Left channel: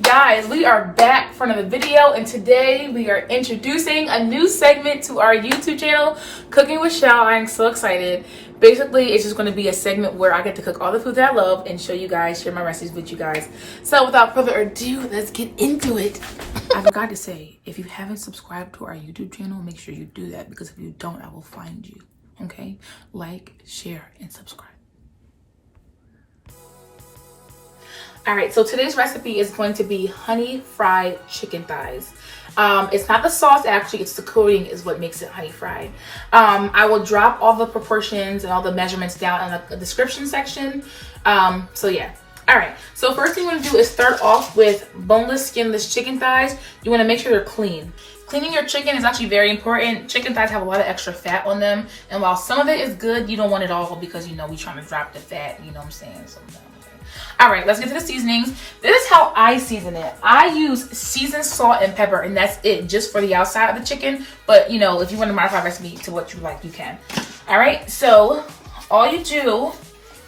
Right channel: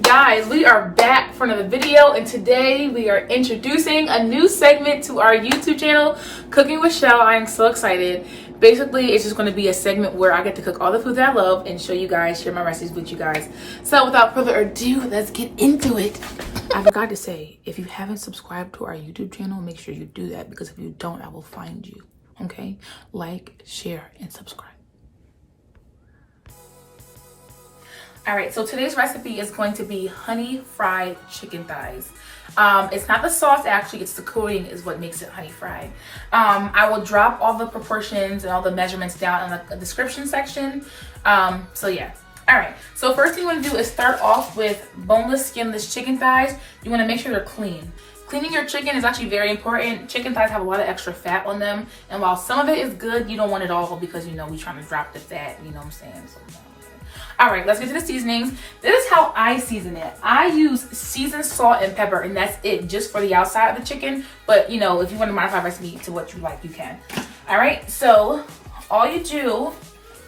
Guys, we are back for another video, and today we are introducing a new segment to our YouTube channel, Cooking with Chelle. I am so excited. Basically, it's just going to be a segment where I get to cook all the food that I love and show you guys, share my recipes with you guys. So without further ado, let's get into it. I forgot to say, if you haven't subscribed to our YouTube channel, make sure you do that, because if you don't, I will find you. Okay? Like, share, and subscribe. All right, so today's recipe is going to be honey fried chicken thighs. It's not the sauce, actually, it's the coating is what makes it honey fried. I will drop all the proportions and all the measurements down in the description section. So yeah. All right, so first thing you want to do is start off with boneless, skinless chicken thighs. You want to make sure they're clean. Cleaning your chicken is actually very important. Chicken thighs have a lot of extra fat on them, and while some of it is good, you don't want it all, because you know we're trying to drop the fat, you know what I'm saying? So, all right, let's get to the seasonings. This is how I season it. I use seasoned salt and pepper, and that's it, just for the outside of the chicken. But you know, if you want to modify the recipe to what you like, you can. All right, so all you do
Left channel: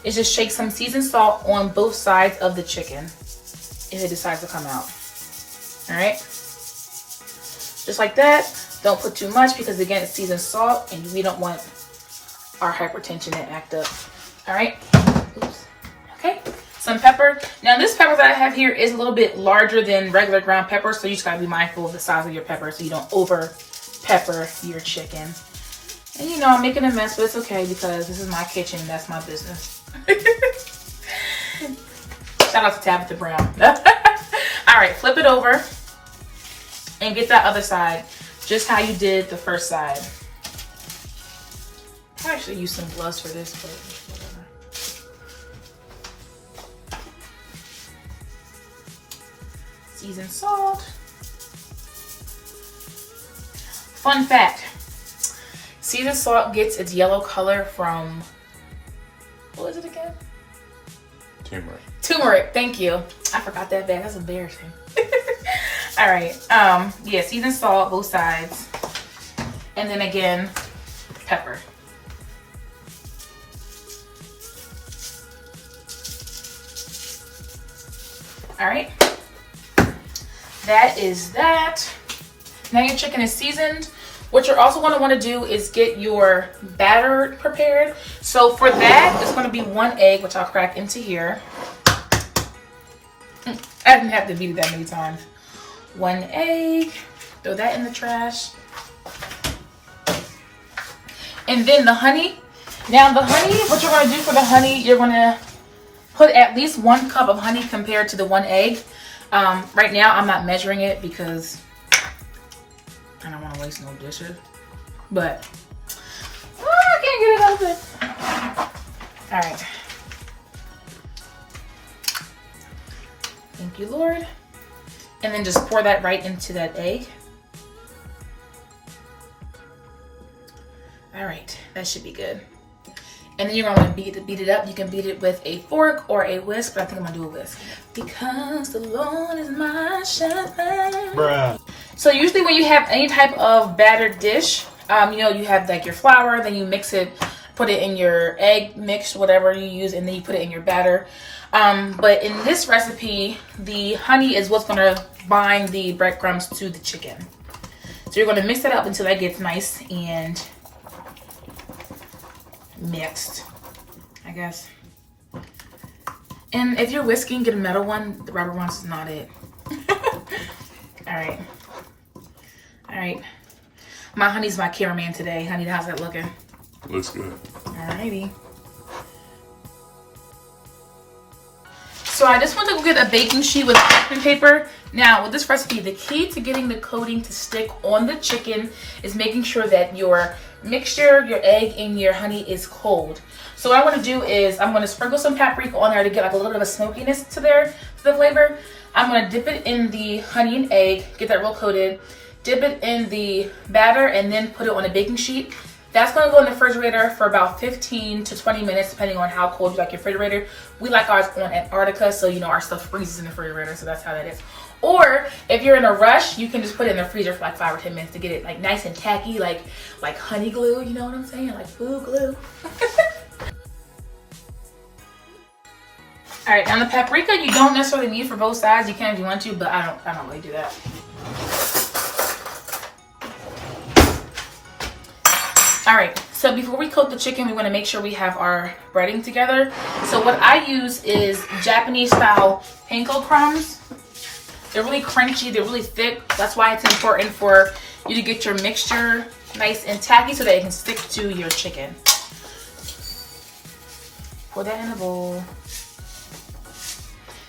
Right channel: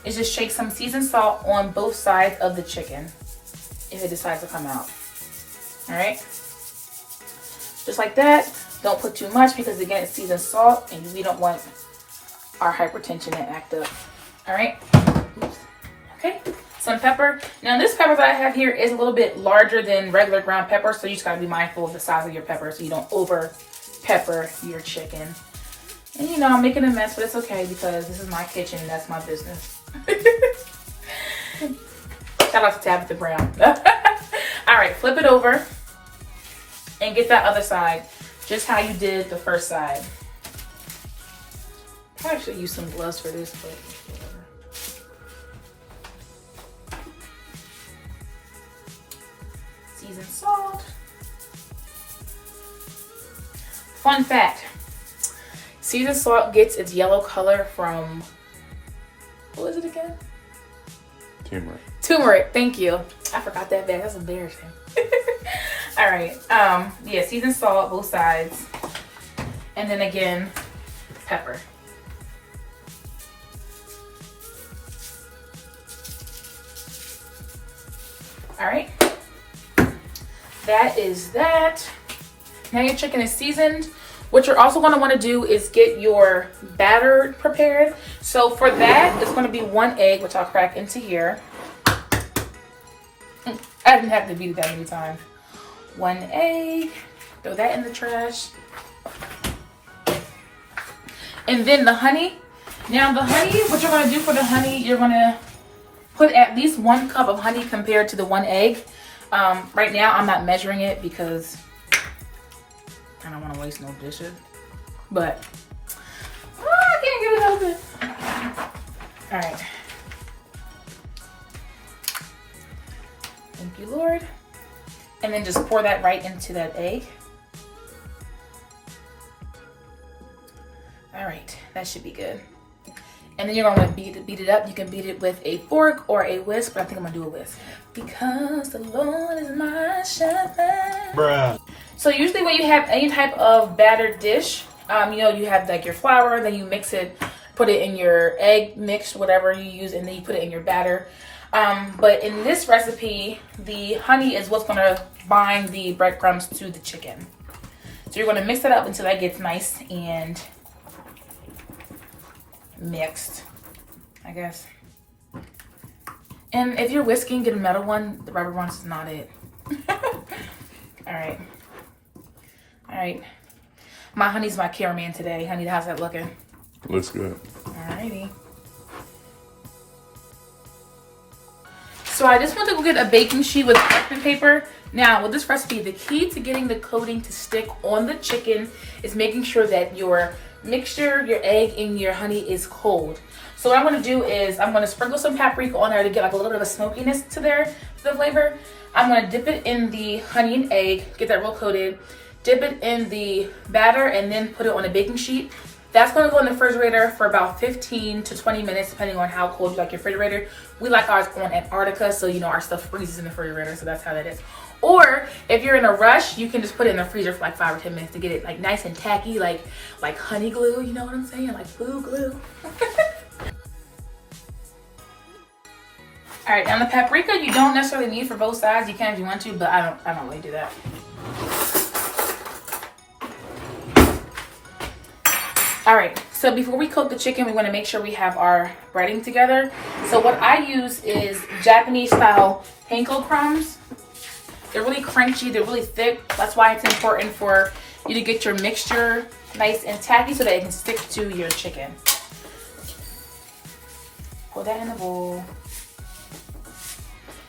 is just shake some seasoned salt on both sides of the chicken if it decides to come out. All right, just like that. Don't put too much, because again, it's seasoned salt, and we don't want our hypertension to act up. All right. Oops. Okay. Some pepper. Now this pepper that I have here is a little bit larger than regular ground pepper, so you just gotta be mindful of the size of your pepper so you don't over pepper your chicken. And you know, I'm making a mess, but it's okay, because this is my kitchen and that's my business. Shout out to Tabitha Brown. All right, flip it over and get that other side just how you did the first side. I should use some gloves for this, but whatever. Seasoned salt. Fun fact, seasoned salt gets its yellow color from, what is it again? Turmeric. Turmeric, thank you. I forgot that bad, that's embarrassing. All right, yeah, seasoned salt, both sides. And then again, pepper. All right. That is that. Now your chicken is seasoned. What you're also going to want to do is get your batter prepared. So for that, it's going to be 1 egg, which I'll crack into here. I didn't have to beat it that many times. 1 egg. Throw that in the trash. And then the honey. Now the honey, what you're going to do for the honey, you're going to put at least 1 cup of honey compared to the 1 egg. Right now, I'm not measuring it because I don't want to waste no dishes. But I can't get it out of it. All right. Thank you, Lord. And then just pour that right into that egg. All right, that should be good. And then you're gonna want to beat it up. You can beat it with a fork or a whisk, but I think I'm gonna do a whisk. Because the Lord is my shepherd. Bruh. So usually when you have any type of battered dish, you know, you have like your flour, then you mix it, put it in your egg mix, whatever you use, and then you put it in your batter. But in this recipe, the honey is what's gonna bind the breadcrumbs to the chicken. So you're gonna mix it up until that gets nice and mixed, I guess. And if you're whisking, get a metal one. The rubber one's is not it. All right. All right. My honey's my cameraman today. Honey, how's that looking? Looks good. Alrighty. So I just want to go get a baking sheet with parchment paper. Now, with this recipe, the key to getting the coating to stick on the chicken is making sure that your mixture, your egg, and your honey is cold. So what I'm going to do is I'm going to sprinkle some paprika on there to get like a little bit of a smokiness to the flavor. I'm going to dip it in the honey and egg, get that real coated, dip it in the batter, and then put it on a baking sheet. That's going to go in the refrigerator for about 15 to 20 minutes, depending on how cold you like your refrigerator. We like ours on Antarctica, so you know our stuff freezes in the refrigerator, so that's how that is. Or if you're in a rush, you can just put it in the freezer for like 5 or 10 minutes to get it like nice and tacky, like honey glue, you know what I'm saying? Like food glue. All right, now the paprika you don't necessarily need for both sides. You can if you want to, but I don't really do that. All right, so before we cook the chicken, we want to make sure we have our breading together. So what I use is Japanese style Panko Crumbs. They're really crunchy, they're really thick. That's why it's important for you to get your mixture nice and tacky so that it can stick to your chicken. Pour that in the bowl.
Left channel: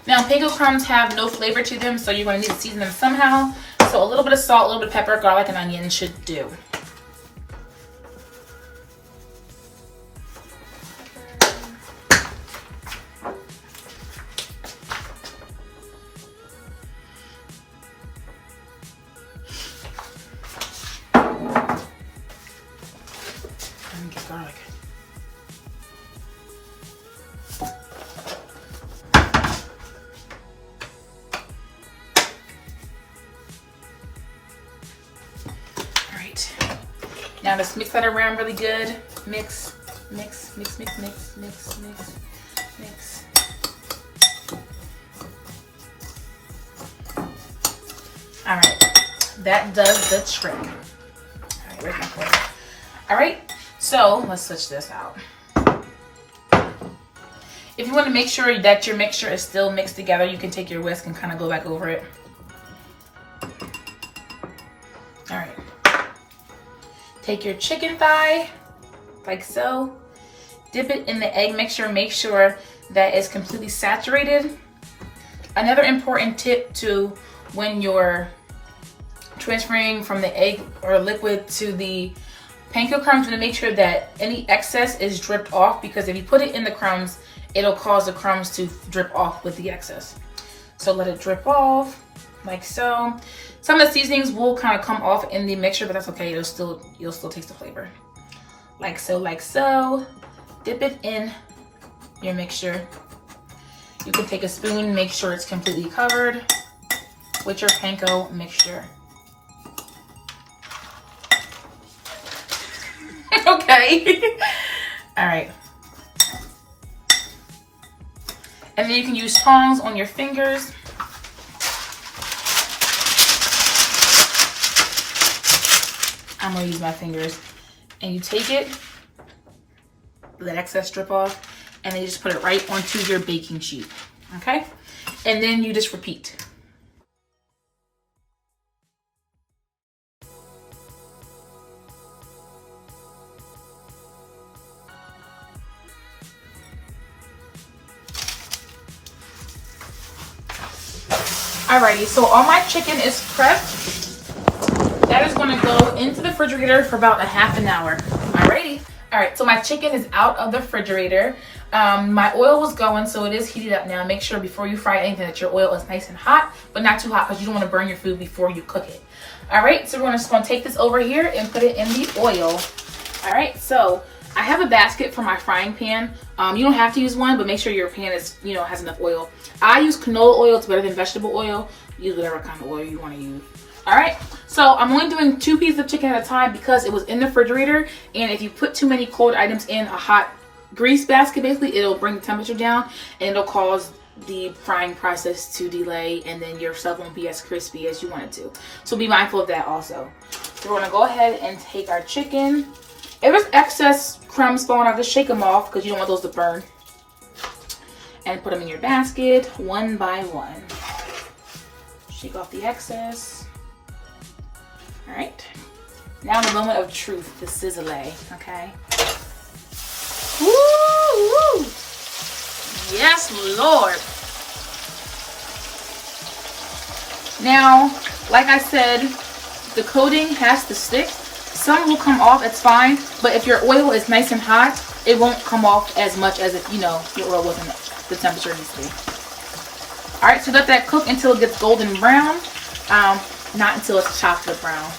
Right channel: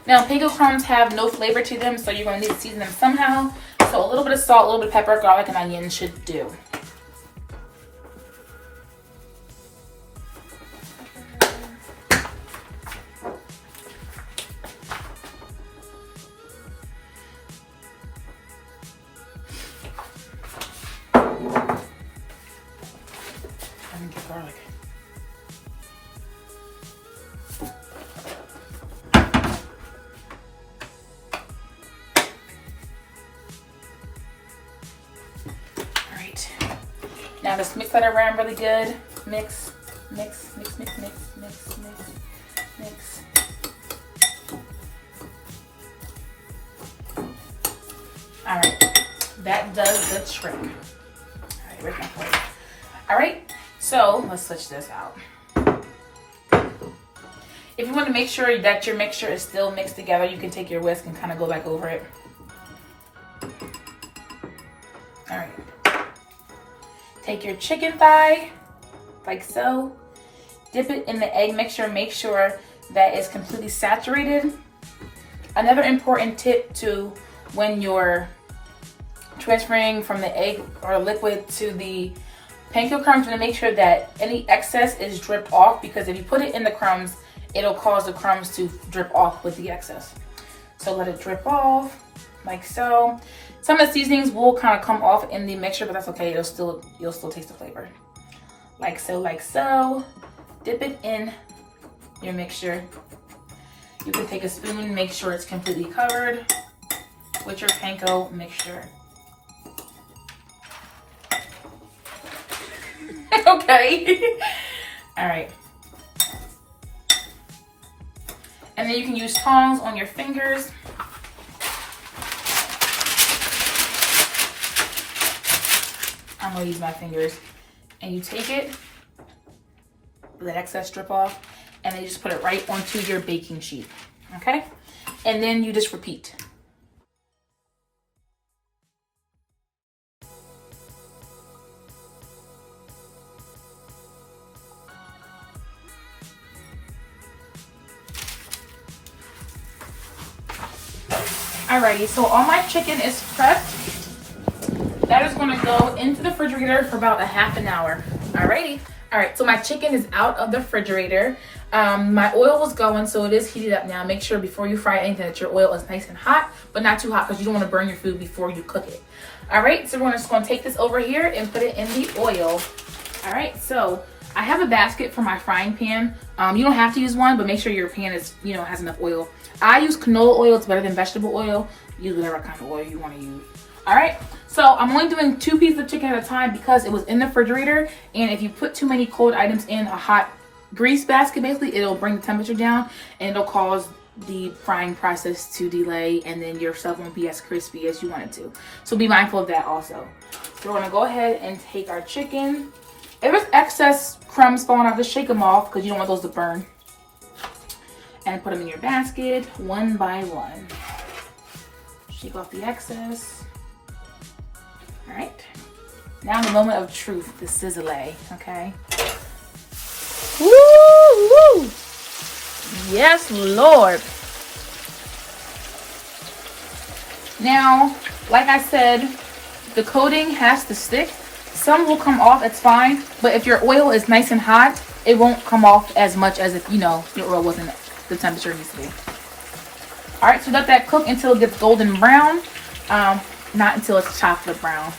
Now, Panko Crumbs have no flavor to them, so you're going to need to season them somehow. So a little bit of salt, a little bit of pepper, garlic, and onion should do. Garlic. All right. Now just mix that around really good. Mix, mix, mix, mix, mix, mix, mix, mix. All right. That does the trick. All right, where's my plate? All right. So let's switch this out. If you want to make sure that your mixture is still mixed together, you can take your whisk and kind of go back over it. All right. Take your chicken thigh, like so. Dip it in the egg mixture. Make sure that it's completely saturated. Another important tip to when you're transferring from the egg or liquid to the Panko Crumbs, to make sure that any excess is dripped off, because if you put it in the crumbs, it'll cause the crumbs to drip off with the excess. So let it drip off, like so. Some of the seasonings will kind of come off in the mixture, but that's okay. You'll still taste the flavor. Like so, like so. Dip it in your mixture. You can take a spoon, make sure it's completely covered with your panko mixture. Okay. All right. And then you can use tongs on your fingers. I'm gonna use my fingers. And you take it, let excess strip off, and then you just put it right onto your baking sheet. Okay? And then you just repeat. Alrighty, so all my chicken is prepped. That is going to go into the refrigerator for about a half an hour. Alrighty. Alright, so my chicken is out of the refrigerator. My oil was going, so it is heated up now. Make sure before you fry anything that your oil is nice and hot, but not too hot because you don't want to burn your food before you cook it. Alright, so we're just going to take this over here and put it in the oil. Alright, so I have a basket for my frying pan. You don't have to use one, but make sure your pan is, has enough oil. I use canola oil. It's better than vegetable oil. Use whatever kind of oil you want to use. All right, so I'm only doing 2 pieces of chicken at a time because it was in the refrigerator. And if you put too many cold items in a hot grease basket, basically, it'll bring the temperature down and it'll cause the frying process to delay, and then your stuff won't be as crispy as you want it to. So be mindful of that also. So we're gonna go ahead and take our chicken. If there's excess crumbs falling out, just shake them off because you don't want those to burn. And put them in your basket one by one. Shake off the excess. All right. Now the moment of truth, the sizzle, okay? Woo, woo. Yes, Lord. Now, like I said, the coating has to stick. Some will come off, it's fine. But if your oil is nice and hot, it won't come off as much as if, your oil wasn't the temperature it needs to be. All right, so let that cook until it gets golden brown. Not until it's chocolate brown.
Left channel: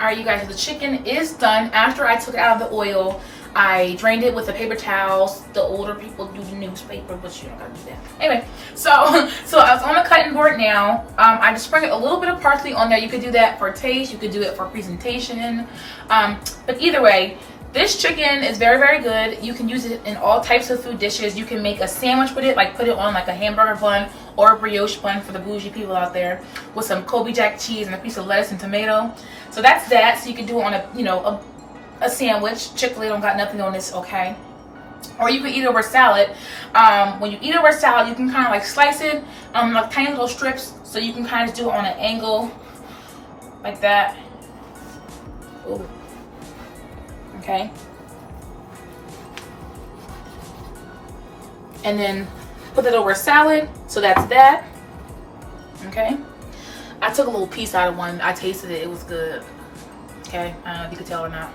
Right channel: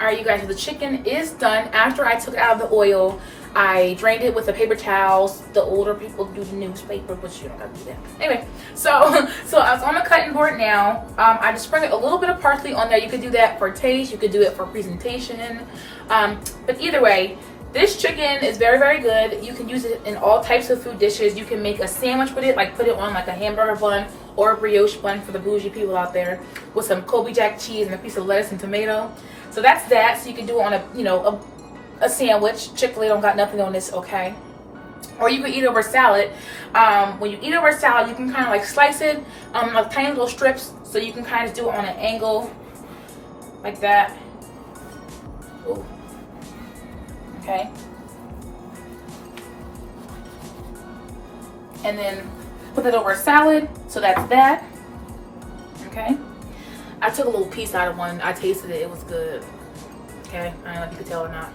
All right, you guys, the chicken is done. After I took it out of the oil, I drained it with the paper towels. The older people do the newspaper, but you don't gotta do that. Anyway, so I was on the cutting board now. I just sprinkled a little bit of parsley on there. You could do that for taste. You could do it for presentation. But either way, This chicken is very, very good. You can use it in all types of food dishes. You can make a sandwich with it, like put it on like a hamburger bun or a brioche bun for the bougie people out there, with some Kobe Jack cheese and a piece of lettuce and tomato. So that's that. So you can do it on a, you know, a sandwich. Chick-fil-A don't got nothing on this, okay? Or you can eat it over salad. When you eat it over salad, you can kind of like slice it like tiny little strips, so you can kind of do it on an angle like that. Ooh. Okay. And then put it over a salad. So that's that. Okay. I took a little piece out of one. I tasted it. It was good. Okay. I don't know if you could tell or not.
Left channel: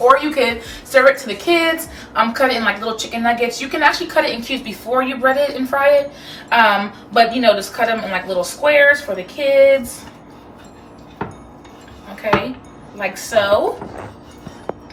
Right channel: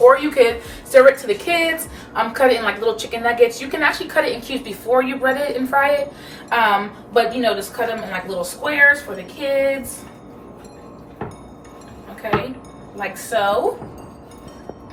Or you could serve it to the kids. Cut it in like little chicken nuggets. You can actually cut it in cubes before you bread it and fry it. But you know, just cut them in like little squares for the kids. Okay. Like so.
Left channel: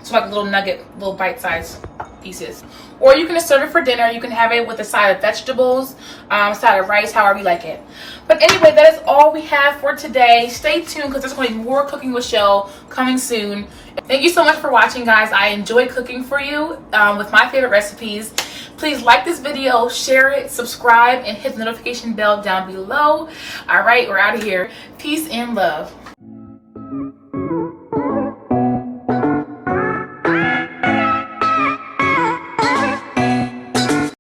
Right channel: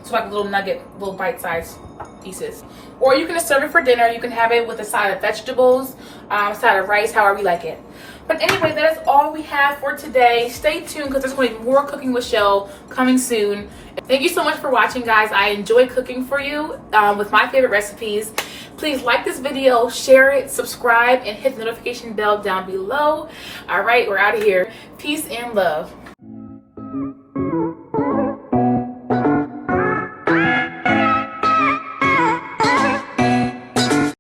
So like a little nugget, little bite-sized pieces. Or you can just serve it for dinner. You can have it with a side of vegetables, side of rice, however you like it. But anyway, that is all we have for today. Stay tuned because there's going to be more Cooking with Chelle coming soon. Thank you so much for watching, guys. I enjoy cooking for you with my favorite recipes. Please like this video, share it, subscribe, and hit the notification bell down below. All right, we're out of here. Peace and love.